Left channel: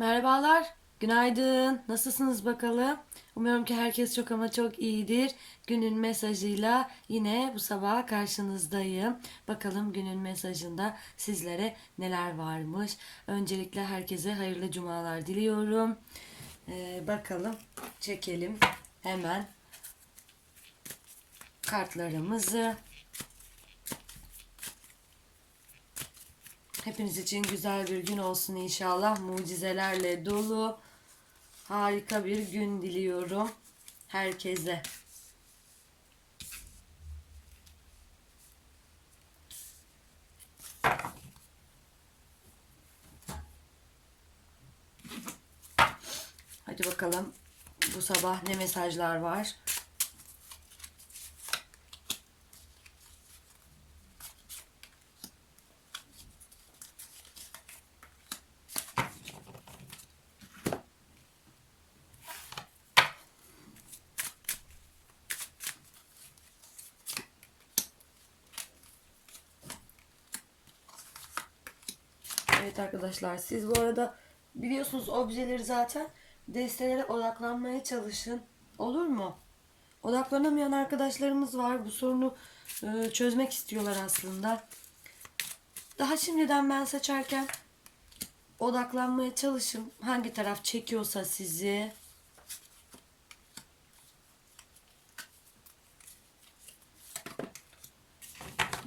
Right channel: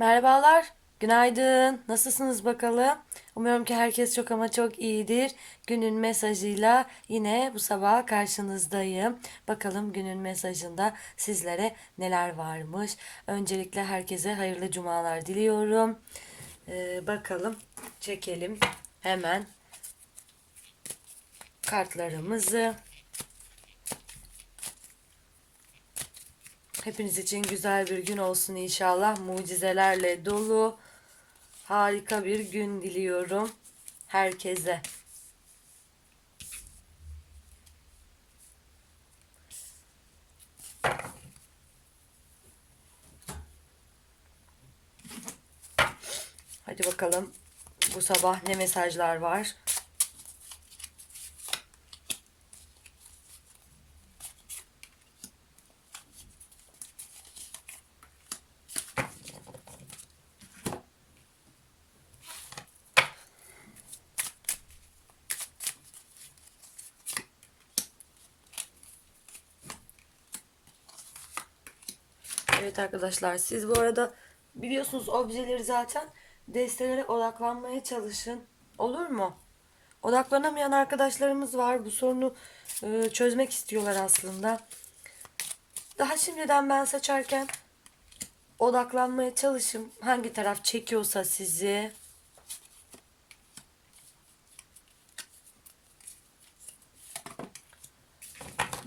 Merhabalar, günaydın. Nasılsınız bakalım? Umuyorum ki herkes çok ama çok iyidir. Günün mesajıyla yine bu sabah karşınızdayım. Bakalım günün mesajında sizlere neler varmış. Öncelikle herkese hayırlı cumalar diliyorum. Ee, bakalım, çekelim hemen kartlarımızı. Hepiniz için güzel bir gün olsun inşallah. Mucizelerle dolu harika bir gün diliyorum herkese. Hadi bakalım bu sabah ne mesajlar var? Evet arkadaşlar siz bu arada biliyorsunuz objeleri zaten destelere odaklanmaya çalışın. Olur mu? Odaklanamayan arkadaşlarımız var. Bu sorunu e, çözmek istiyorlar aslında. Daha şimdiden ben seçerken odaklanmaya çalışın. Hangi taraf çekiyorsa sizi.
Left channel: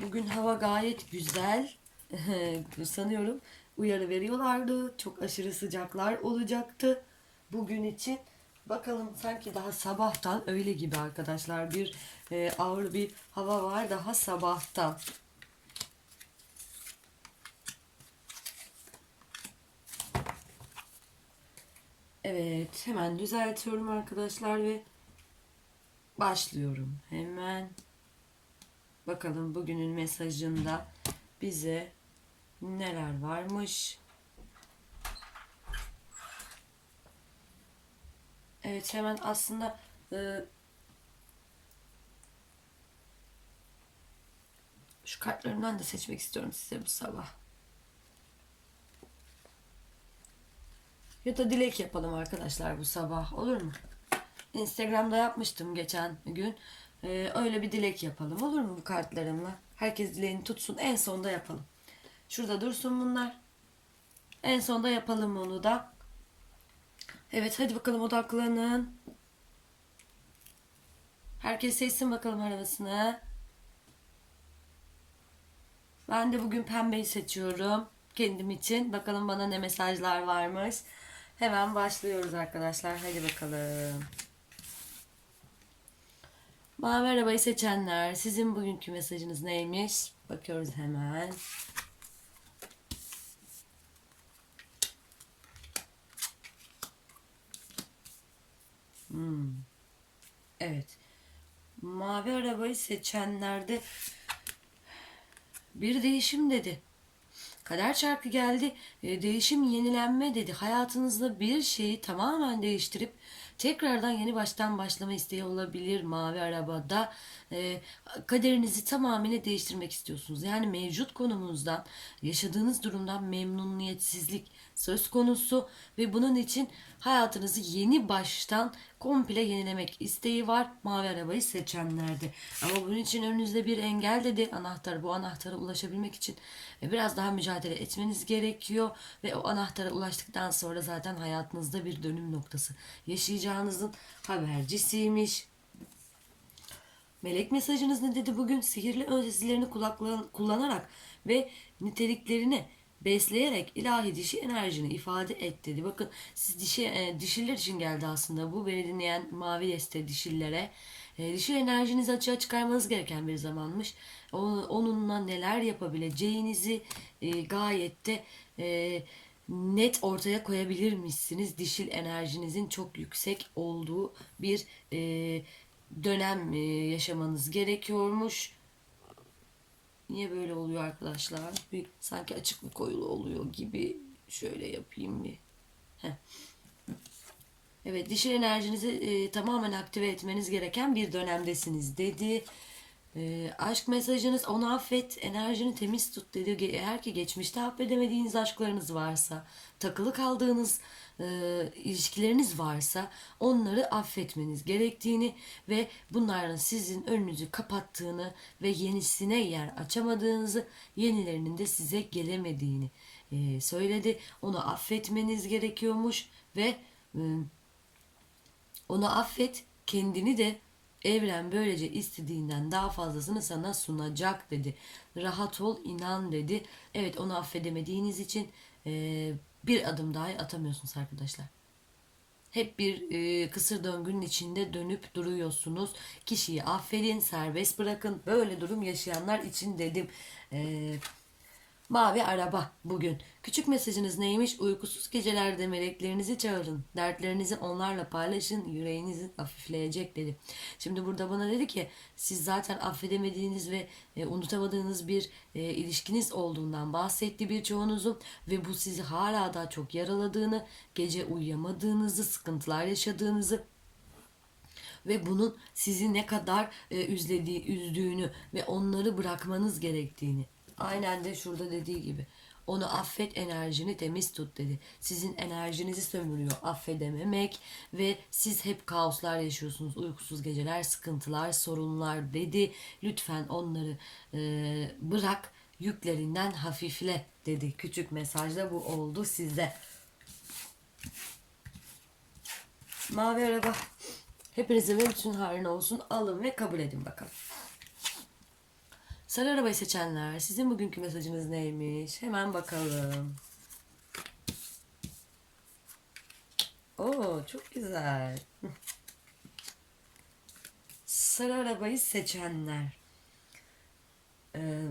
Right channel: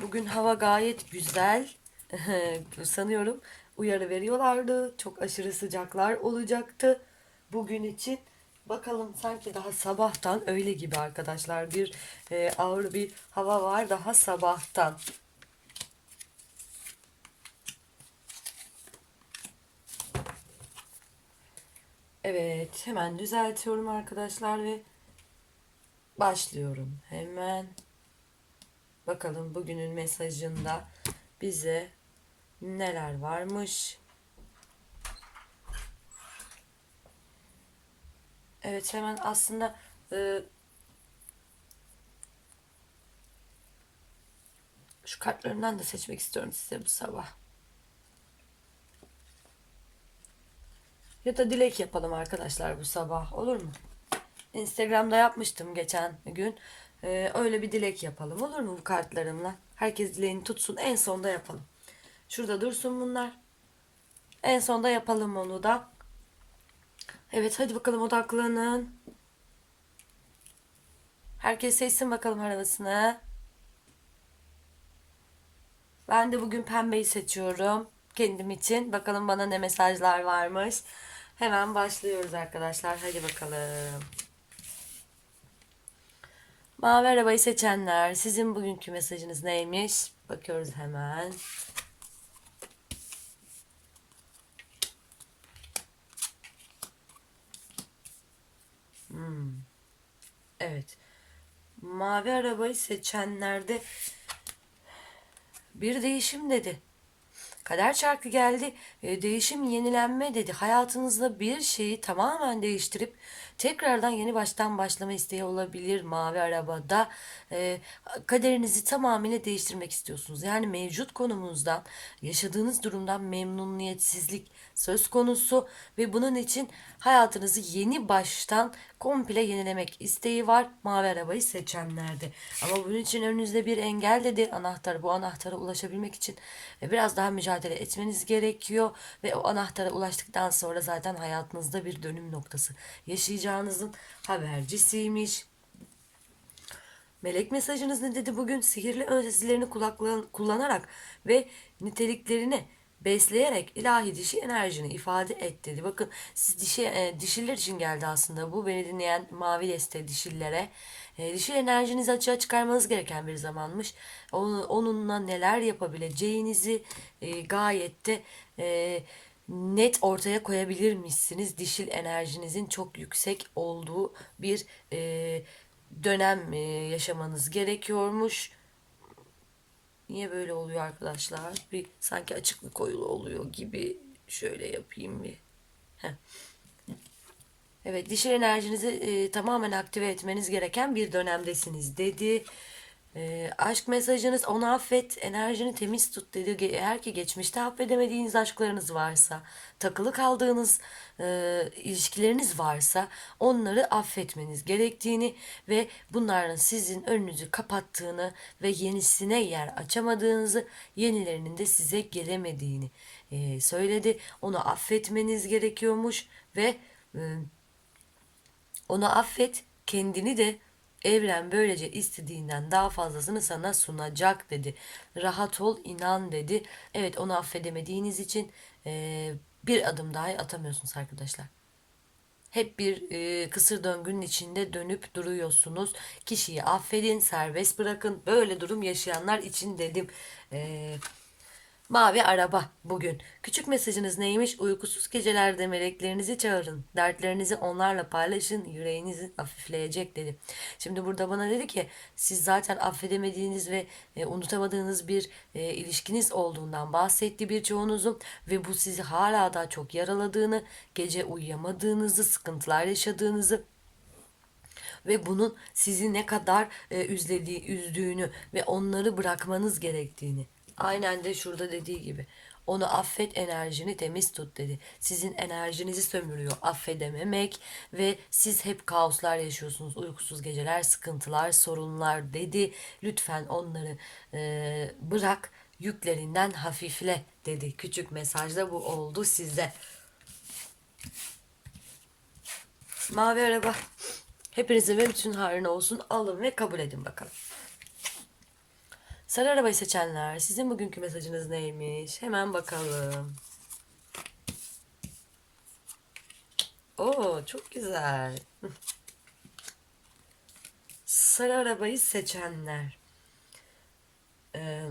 Bugün hava gayet güzel. Sanıyorum uyarı veriyorlardı. Çok aşırı sıcaklar olacaktı bugün için. Bakalım sanki daha sabahtan öyle gibi arkadaşlar. Bir e, ağır bir hava var daha sabahtan. Evet hemen düzeltiyorum arkadaşlar ve başlıyorum. Hemen bakalım bugünün mesajında bize neler varmış. Evet hemen aslında e, şu kartlarından da seçmek istiyorum size bu sabah. Ya da dilek yapalım arkadaşlar bu sabah olur mu? Instagram'da yapmıştım geçen gün. Ee, öyle bir dilek yapalım olur mu bu kartlarımla? Herkes dileğini tutsun en sonda yapalım. Şurada dursun bunlar. En sonda yapalım onu da. Evet hadi bakalım odaklanın. Herkes seçsin bakalım arabasını. Ben de bugün pembeyi seçiyorum. Kendim için. Bakalım bana ne mesajlar varmış. Hemen başlıyoruz arkadaşlar. Hadi bakalım. Mavi arabayı seçenler. Sizin bugünkü mesajınız neymiş? Bakıyoruz hemen. Hmm. Evet. Mavi arabayı seçenlerde bir değişim dedi. Kader çarkı geldi. E, değişim, yenilenme dedi. Hayatınızda bir şeyi tamamen değiştirip tekrardan yeni baştan başlama isteği olabilir mavi arabada. E, kaderinizi tamamıyla değiştirmek istiyorsunuz. Yani mevcut konumunuzdan, yaşadığınız durumdan memnuniyetsizlik söz konusu ve bunun için hayatınızı yeni baştan komple yenilemek isteği var mavi arabayı seçenlerde. Ama bunun için önünüzde bir engel dedi anahtar. Bu anahtara ulaşabilmek için biraz daha mücadele etmeniz gerekiyor ve o anahtara ulaştıktan sonra zaten hayatınızda bir dönüm noktası yaşayacağınızın habercisiymiş. Melek mesajınız ne dedi bugün? Sihirli öncesilerini kullanarak ve niteliklerini besleyerek ilahi dişi enerjini ifade et dedi. Bakın siz dişi e, dişiller için geldi aslında bu. Beni dinleyen mavi deste dişillere. E, dişil enerjinizi açığa çıkarmanız gereken bir zamanmış. Onun, onunla neler yapabileceğinizi e, gayet de e, net ortaya koyabilirmişsiniz. Dişil enerjinizin çok yüksek olduğu bir e, dönem e, yaşamanız gerekiyormuş. Niye böyle oluyor arkadaşlar? Bir sanki açık bir koyulu oluyor gibi. Şöyle yapayım bir. Heh. Evet dişil enerjinizi e, tamamen aktive etmeniz gereken bir dönemdesiniz dedi. Ee, aşk mesajınız onu affet, enerjini temiz tut dedi. Eğer ki geçmişte affedemediğiniz aşklarınız varsa, takılı kaldığınız e, ilişkileriniz varsa onları affetmeniz gerektiğini ve bunların sizin önünüzü kapattığını ve yenisine yer açamadığınızı, yenilerinin de size gelemediğini e, söyledi. Onu affetmeniz gerekiyormuş ve e, onu affet, kendini de evren böylece istediğinden daha fazlasını sana sunacak dedi. Rahat ol, inan dedi. Evet onu affedemediğiniz için eee, bir adım daha atamıyorsunuz arkadaşlar. Hep bir e, kısır döngünün içinde dönüp duruyorsunuz. Kişiyi affedin, serbest bırakın. Böyle durum yaşayanlar için dedim. Eee Mavi araba bugün. Küçük mesajınız neymiş? Uykusuz gecelerde meleklerinizi çağırın. Dertlerinizi onlarla paylaşın. Yüreğinizi hafifleyecek dedi. Şimdi burada bana dedi ki siz zaten affedemediğiniz ve e, unutamadığınız bir e, ilişkiniz olduğundan bahsetti birçoğunuzun ve bu sizi hala da çok yaraladığını, gece uyuyamadığınızı, sıkıntılar yaşadığınızı ve bunun sizi ne kadar e, üzlediği, üzdüğünü ve onları bırakmanız gerektiğini. Aynen de şurada dediği gibi. Onu affet enerjini temiz tut dedi. Sizin enerjinizi sömürüyor affedememek ve siz hep kaoslar yaşıyorsunuz. Uykusuz geceler, sıkıntılar, sorunlar dedi. Lütfen onları e, bırak yüklerinden hafifle dedi. Küçük mesajda bu oldu size. Mavi araba. Hepinizin ve bütün hayrına olsun. Alın ve kabul edin bakalım. Sarı arabayı seçenler, sizin bugünkü mesajınız neymiş? Hemen bakalım. Oo, çok güzel. Sarı arabayı seçenler. Ee,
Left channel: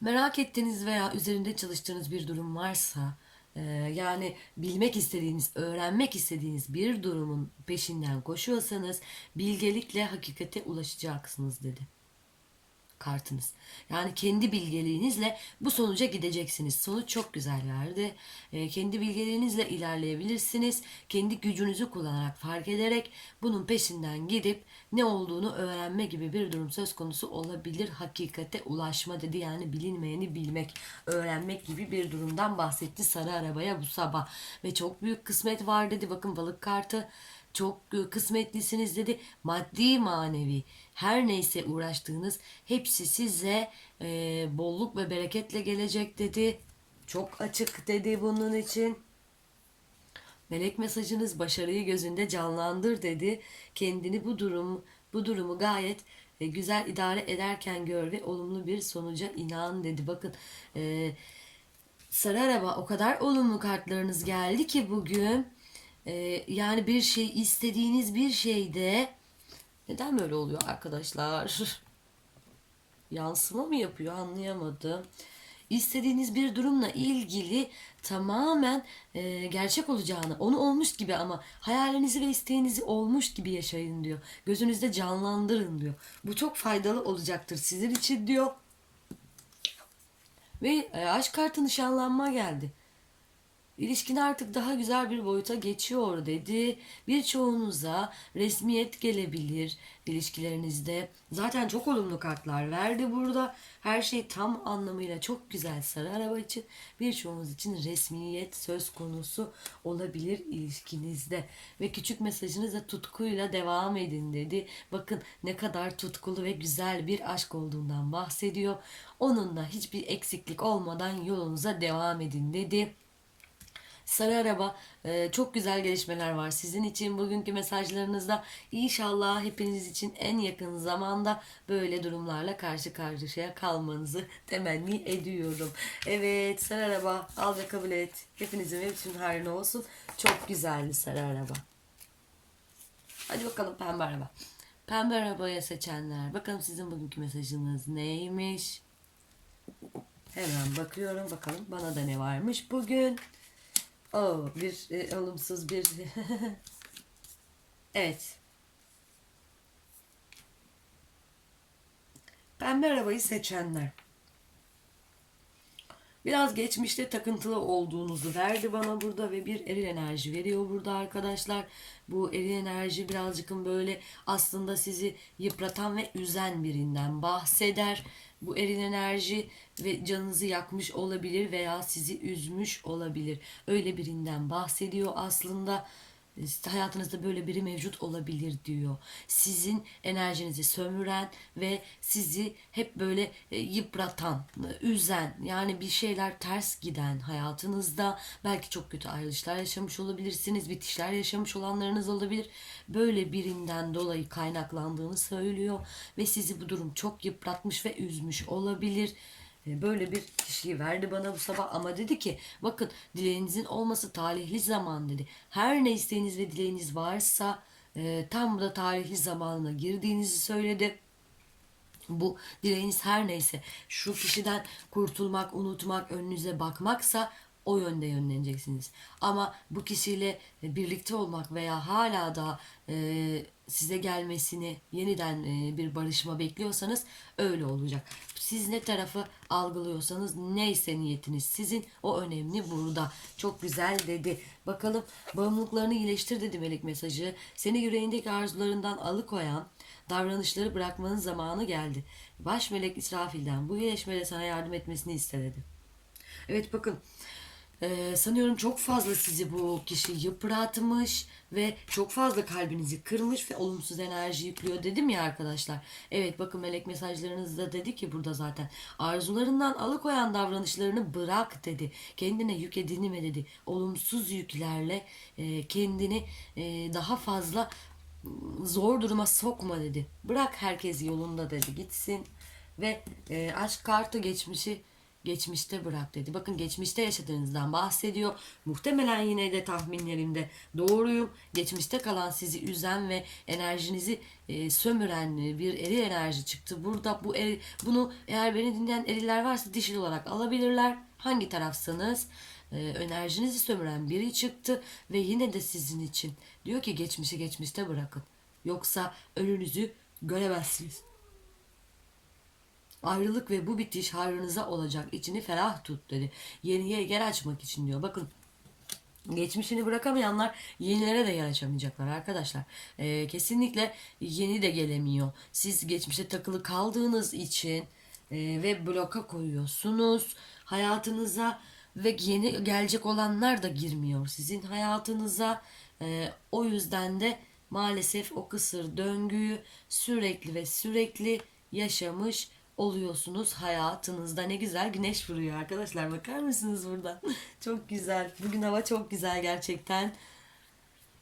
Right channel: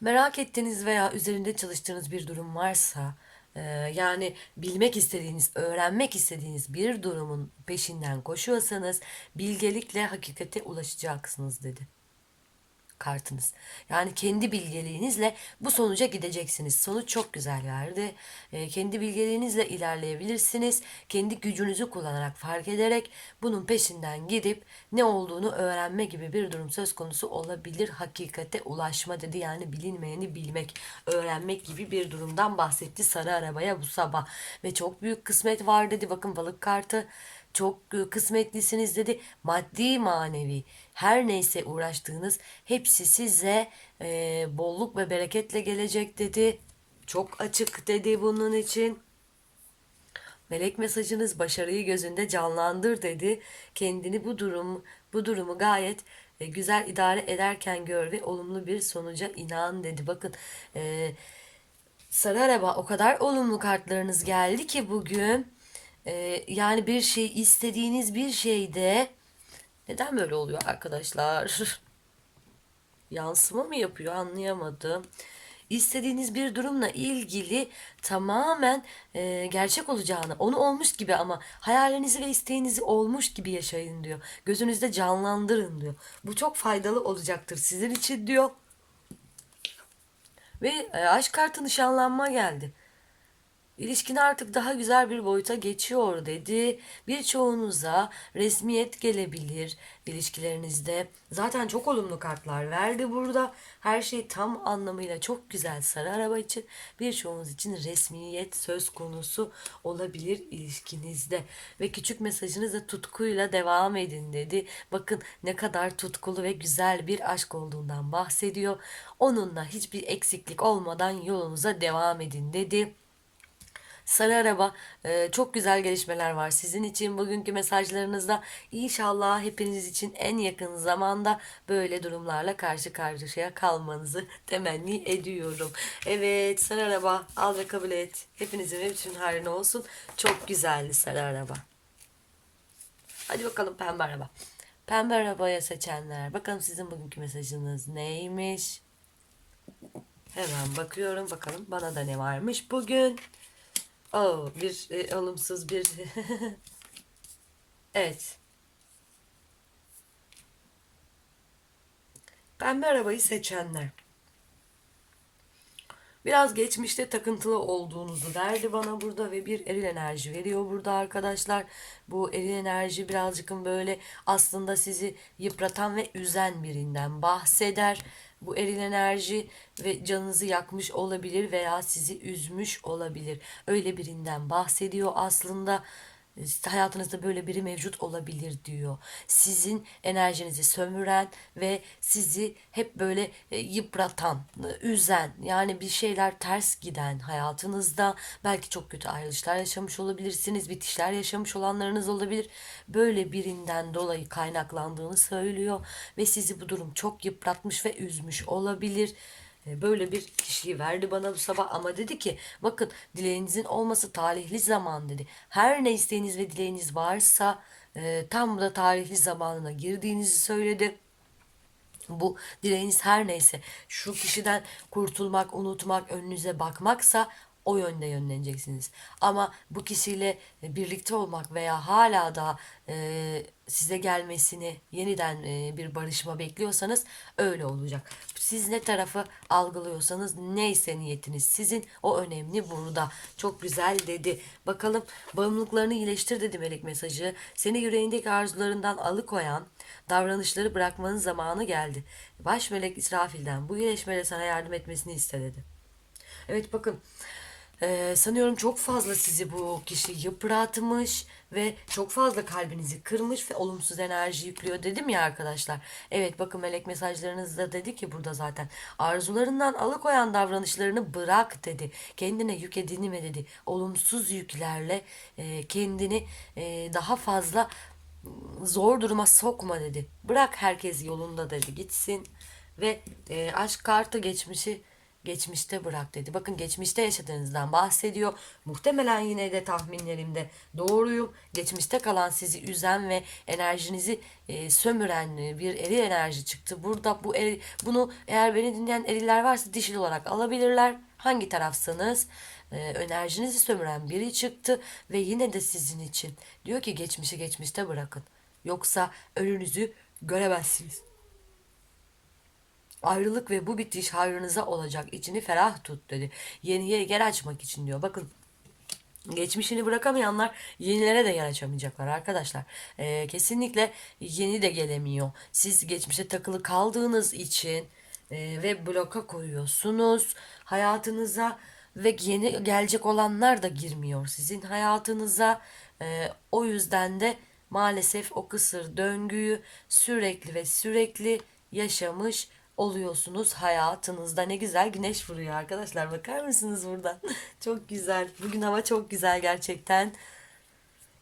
merak ettiğiniz veya üzerinde çalıştığınız bir durum varsa, e, yani bilmek istediğiniz, öğrenmek istediğiniz bir durumun peşinden koşuyorsanız, bilgelikle hakikate ulaşacaksınız dedi kartınız. Yani kendi bilgeliğinizle bu sonuca gideceksiniz. Sonuç çok güzel verdi. E, kendi bilgeliğinizle ilerleyebilirsiniz. Kendi gücünüzü kullanarak, fark ederek bunun peşinden gidip ne olduğunu öğrenme gibi bir durum söz konusu olabilir. Hakikate ulaşma dedi. Yani bilinmeyeni bilmek, öğrenmek gibi bir durumdan bahsetti sarı arabaya bu sabah. Ve çok büyük kısmet var dedi. Bakın balık kartı çok kısmetlisiniz dedi. Maddi manevi her neyse uğraştığınız hepsi size e, bolluk ve bereketle gelecek dedi. Çok açık dedi bunun için. Melek mesajınız başarıyı gözünde canlandır dedi. Kendini bu durum bu durumu gayet e, güzel idare ederken gör ve olumlu bir sonuca inan dedi. Bakın e, sarı araba o kadar olumlu kartlarınız geldi ki bugün e, yani bir şey istediğiniz bir şeyde neden böyle oluyor arkadaşlar? Yansıma mı yapıyor anlayamadım. İstediğiniz bir durumla ilgili tamamen e, gerçek olacağını, onu olmuş gibi ama hayalinizi ve isteğinizi olmuş gibi yaşayın diyor. Gözünüzde canlandırın diyor. Bu çok faydalı olacaktır sizin için diyor. Ve e, aşk kartı nişanlanma geldi. İlişkin artık daha güzel bir boyuta geçiyor dedi. Birçoğunuza resmiyet gelebilir ilişkilerinizde. Zaten çok olumlu kartlar verdi burada. Her şey tam anlamıyla çok güzel sarı araba için. Birçoğunuz için resmiyet söz konusu olabilir ilişkinizde. Ve küçük mesajınız da tutkuyla devam edin dedi. Bakın ne kadar tutkulu ve güzel bir aşk olduğundan bahsediyor. Onunla hiçbir eksiklik olmadan yolunuza devam edin dedi. Sarı Araba e, çok güzel gelişmeler var sizin için bugünkü mesajlarınızda. İnşallah hepiniz için en yakın zamanda böyle durumlarla karşı karşıya kalmanızı temenni ediyorum. Evet Sarı Araba al ve kabul et. Hepinizin ve bütün hayrına olsun. Çok güzeldi Sarı Araba. Hadi bakalım pembe araba. Pembe arabaya seçenler. Bakalım sizin bugünkü mesajınız neymiş? Hemen bakıyorum bakalım bana da ne varmış bugün. Oh, bir e, olumsuz bir evet. Pembe arabayı seçenler. Biraz geçmişte takıntılı olduğunuzu verdi bana burada ve bir eril enerji veriyor burada arkadaşlar. Bu eril enerji birazcık böyle aslında sizi yıpratan ve üzen birinden bahseder. Bu eril enerji ve canınızı yakmış olabilir veya sizi üzmüş olabilir. Öyle birinden bahsediyor aslında. Hayatınızda böyle biri mevcut olabilir diyor. Sizin enerjinizi sömüren ve sizi hep böyle e, yıpratan, üzen, yani bir şeyler ters giden hayatınızda belki çok kötü ayrılışlar yaşamış olabilirsiniz, bitişler yaşamış olanlarınız olabilir. Böyle birinden dolayı kaynaklandığını söylüyor ve sizi bu durum çok yıpratmış ve üzmüş olabilir. E, Böyle bir kişiyi verdi bana bu sabah ama dedi ki bakın dileğinizin olması talihli zaman dedi. Her ne isteğiniz ve dileğiniz varsa e, tam da talihli zamanına girdiğinizi söyledi. Bu dileğiniz her neyse şu kişiden kurtulmak, unutmak, önünüze bakmaksa o yönde yönleneceksiniz. Ama bu kişiyle birlikte olmak veya hala da e, size gelmesini yeniden e, bir barışma bekliyorsanız öyle olacak. Siz ne tarafı algılıyorsanız neyse niyetiniz sizin o önemli burada. Çok güzel dedi. Bakalım bağımlılıklarını iyileştir dedi melek mesajı. Seni yüreğindeki arzularından alıkoyan davranışları bırakmanın zamanı geldi. Baş melek İsrafil'den bu iyileşmede sana yardım etmesini iste dedi. Evet bakın ee, sanıyorum çok fazla sizi bu kişi yıpratmış ve çok fazla kalbinizi kırmış ve olumsuz enerji yüklüyor dedim ya arkadaşlar. Evet bakın melek mesajlarınızda dedi ki burada zaten arzularından alıkoyan davranışlarını bırak dedi. Kendine yük edinme dedi. Olumsuz yüklerle e, kendini e, daha fazla zor duruma sokma dedi. Bırak herkes yolunda dedi gitsin ve e, aşk kartı geçmişi geçmişte bırak dedi. Bakın geçmişte yaşadığınızdan bahsediyor. Muhtemelen yine de tahminlerimde doğruyum. Geçmişte kalan sizi üzen ve enerjinizi e, sömüren e, bir eril enerji çıktı. Burada bu eri, bunu eğer beni dinleyen eriller varsa dişil olarak alabilirler. Hangi tarafsanız e, enerjinizi sömüren biri çıktı ve yine de sizin için diyor ki geçmişi geçmişte bırakın. Yoksa önünüzü göremezsiniz. Ayrılık ve bu bitiş hayrınıza olacak. İçini ferah tut dedi. Yeniye yer açmak için diyor. Bakın Geçmişini bırakamayanlar yenilere de yer açamayacaklar arkadaşlar. Ee, kesinlikle yeni de gelemiyor. Siz geçmişe takılı kaldığınız için e, ve bloka koyuyorsunuz hayatınıza ve yeni gelecek olanlar da girmiyor sizin hayatınıza. Ee, o yüzden de maalesef o kısır döngüyü sürekli ve sürekli yaşamış oluyorsunuz hayatınızda. Ne güzel güneş vuruyor arkadaşlar. Bakar mısınız buradan? çok güzel. Bugün hava çok güzel gerçekten.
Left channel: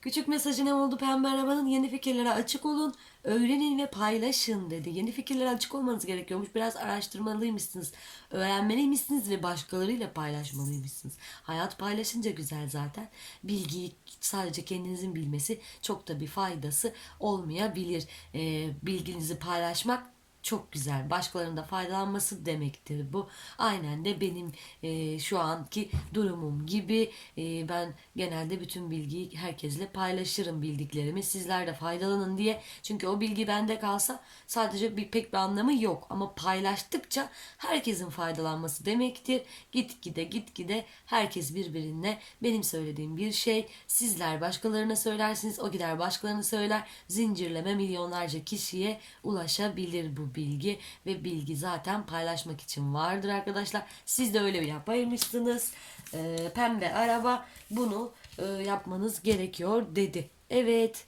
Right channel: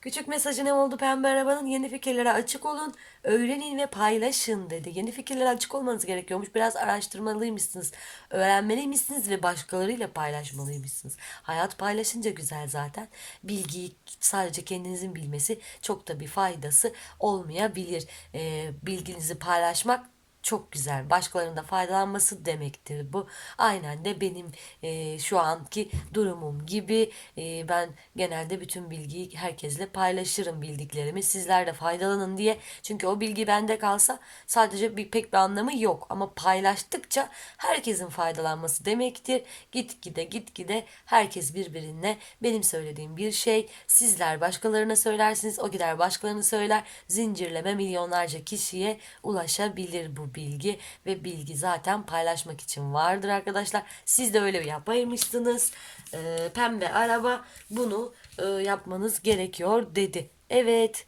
Küçük mesajı ne oldu pembe arabanın? Yeni fikirlere açık olun, öğrenin ve paylaşın dedi. Yeni fikirlere açık olmanız gerekiyormuş. Biraz araştırmalıymışsınız, öğrenmeliymişsiniz ve başkalarıyla paylaşmalıymışsınız. Hayat paylaşınca güzel zaten. Bilgiyi sadece kendinizin bilmesi çok da bir faydası olmayabilir. Ee, bilginizi paylaşmak çok güzel. Başkalarının da faydalanması demektir bu. Aynen de benim e, şu anki durumum gibi e, ben genelde bütün bilgiyi herkesle paylaşırım bildiklerimi. Sizler de faydalanın diye. Çünkü o bilgi bende kalsa sadece bir pek bir anlamı yok. Ama paylaştıkça herkesin faydalanması demektir. Gitgide gitgide herkes birbirine benim söylediğim bir şey. Sizler başkalarına söylersiniz. O gider başkalarını söyler. Zincirleme milyonlarca kişiye ulaşabilir bu bilgi ve bilgi zaten paylaşmak için vardır arkadaşlar. Siz de öyle bir yapaymışsınız. Ee, pembe araba bunu e, yapmanız gerekiyor dedi. Evet.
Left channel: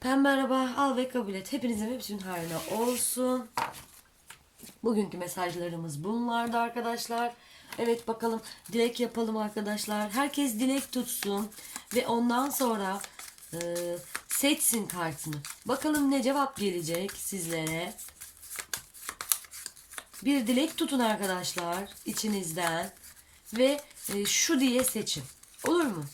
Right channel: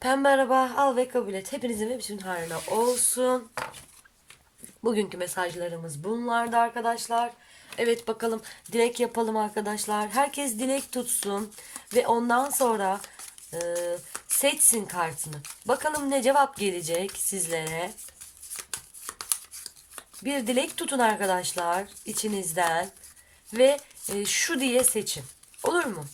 Pembe araba al ve kabul et. Hepinizin ve bütün hayrına olsun. Bugünkü mesajlarımız bunlardı arkadaşlar. Evet bakalım dilek yapalım arkadaşlar. Herkes dilek tutsun ve ondan sonra e, seçsin kartını. Bakalım ne cevap gelecek sizlere. Bir dilek tutun arkadaşlar içinizden ve e, şu diye seçin. Olur mu?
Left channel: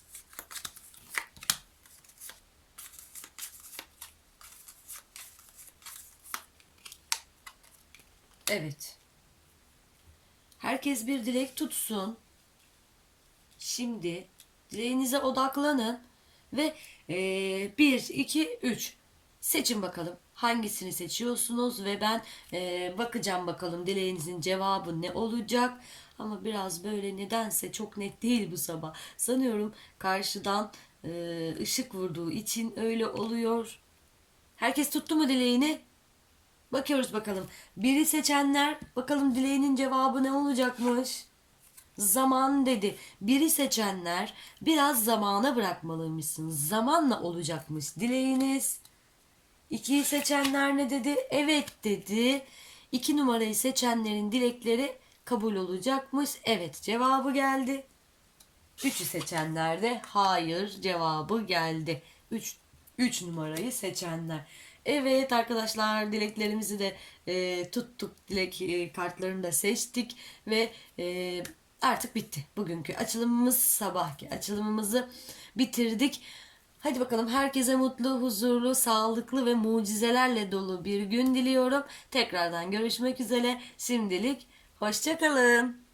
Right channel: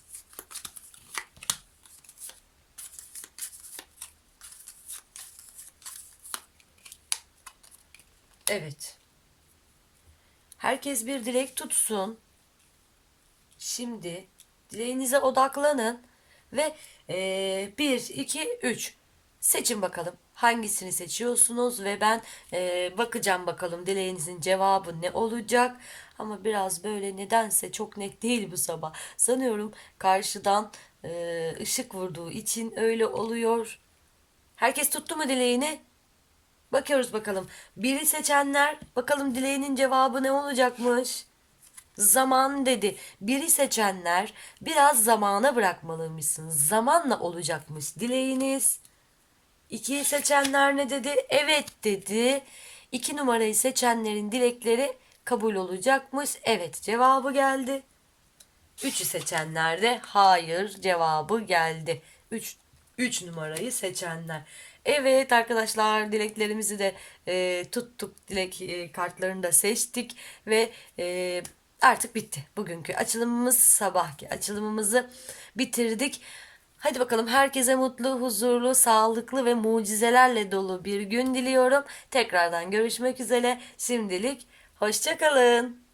Evet. Herkes bir dilek tutsun. Şimdi dileğinize odaklanın ve e, 1, 2, 3 seçin bakalım hangisini seçiyorsunuz ve ben e, bakacağım bakalım dileğinizin cevabı ne olacak. Ama biraz böyle nedense çok net değil bu sabah. Sanıyorum karşıdan e, ışık vurduğu için öyle oluyor. Herkes tuttu mu dileğini? Bakıyoruz bakalım. Biri seçenler bakalım dileğinin cevabı ne olacakmış? Zaman dedi. Biri seçenler biraz zamana bırakmalıymışsınız. Zamanla olacakmış dileğiniz. İkiyi seçenler ne dedi? Evet dedi. İki numarayı seçenlerin dilekleri kabul olacakmış. Evet cevabı geldi. Üçü seçenler de hayır cevabı geldi. Üç, üç numarayı seçenler. Evet arkadaşlar dileklerimizi de e, tuttuk. Dilek e, kartlarını da seçtik ve e, artık bitti. Bugünkü açılımımız sabahki açılımımızı bitirdik. Hadi bakalım herkese mutlu, huzurlu, sağlıklı ve mucizelerle dolu bir gün diliyorum. Tekrardan görüşmek üzere. Şimdilik hoşçakalın.